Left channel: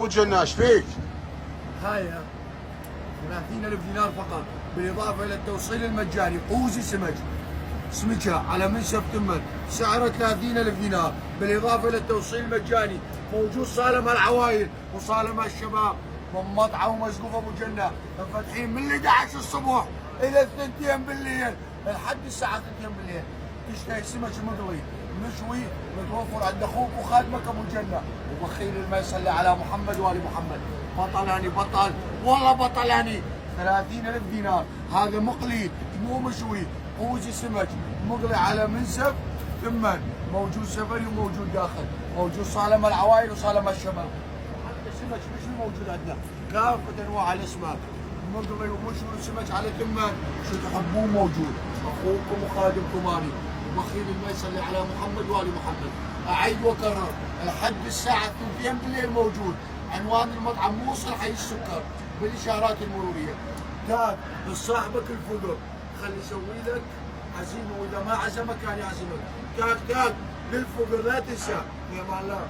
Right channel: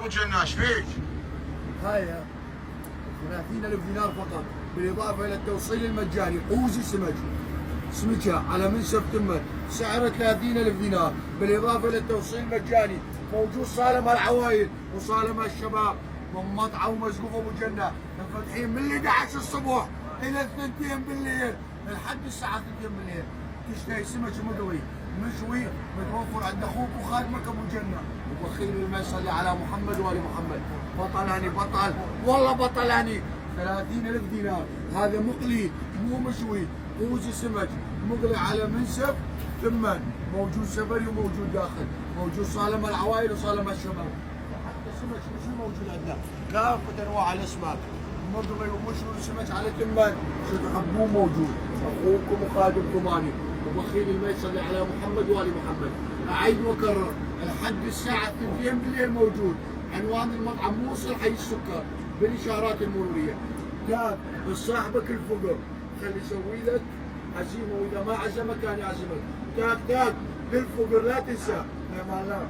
ابو جناش فيك؟ هاي 30,000 دينار فقط، بالاضافه الى التوصيل المجاني. قوزي سمكه على منسف تمن، سعره 30,000 دينار، بالاضافه الى التوصيل المجاني. موجود صالة العوايل وصالة الشباب من مطعم ومسقوف ابو جنه، فاتحين من 11 الصبح الى 2 بالليل لحد الساعه 2 بالليل. تشتهي سمك مقلي مشوي متوفر عند اخوك وخادمك ابو جنه، وبخيل ما يصلي على محمد وال محمد. بطلاني بطل والله بطلاني. 30,000 دينار هذا مقلي مو مشوي، قوزي سمك مقلي على منسف ثمن، موجود سفري وموجود داخل، موجود صالة العوائل وصالة الشباب. حتى سمك مشوي موجود عندنا، كافة انواع الاسماك مقلي ومشوي وسمك على ثمن، شو تحبون موجود. اخوكم وخادمكم اني وبخيل ما يصلي على محمد وال محمد. اعيد واكرر لحد الساعه 2 بالليل موجود. عنوان المطعم موصل حي السكر بالاشارات المروريه. تاج لصاحبك الفقر، خلي يسوي لك عزيمه، واذا ما عزمك كان يعزمك. تاج للفقر لا تنسى. يا الله.